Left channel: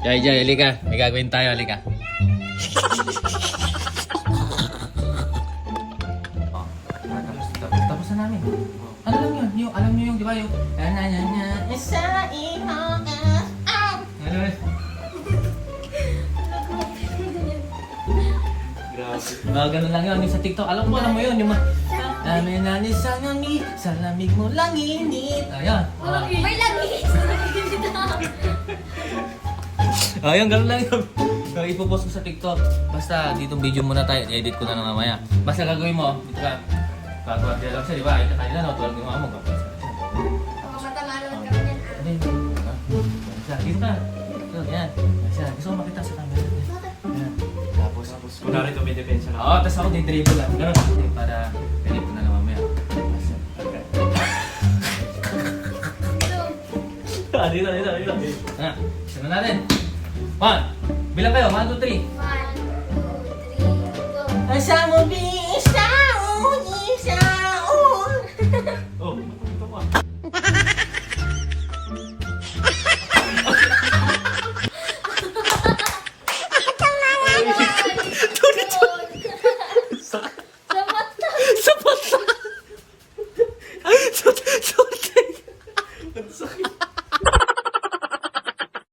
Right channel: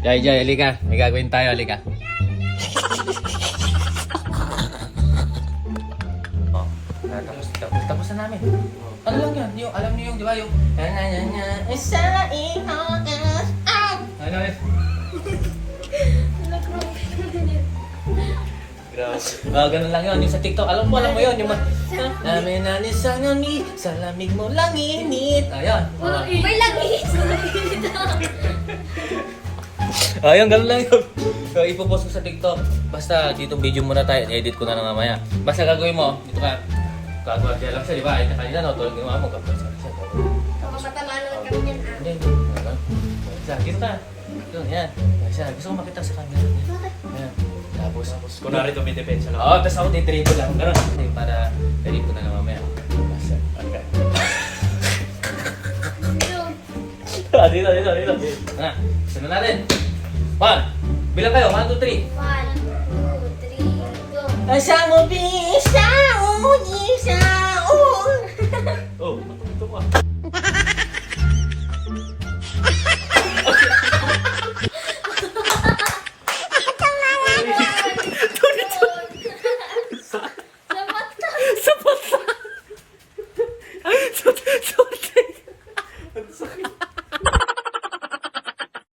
Jai, halika. May gagawin tayo, halika. Oh, tapos na namin. Ano lang yun? Yung, alam niyo yung, di ba yung... Isa ihong ano yun? Grabe. Ganun lang yun. Yung sa TikTok. Alam mo yun. Yung namin sa ngami, sa lamig mo lang init. Ayun. May lagi. Ayun, ganun lang yun. So, ipopost ko sa TikTok. Basta dito video muna tayo. Edit ko na lang mamaya. Basta gagawin mo. Dito ka. Gagawin lang siya, di ba? Ay, kanina na. Tulog yung mama mo. Gagawin siya. Matama naman kami yan. Hindi. Isa, dito ka. Yun, yan. Isa, gusto ko makita sa camera. Yan. Tapos, Kunwari tumidepensa lang. oo, tapos ako day-dribble lang. Ganun. Para edit ko na lang mamaya. Basta. Okay. Dito. Isa na natin. 1. Bilang kayo. 1, 2, 3. 1, 2, 3, go. Asa mo bisa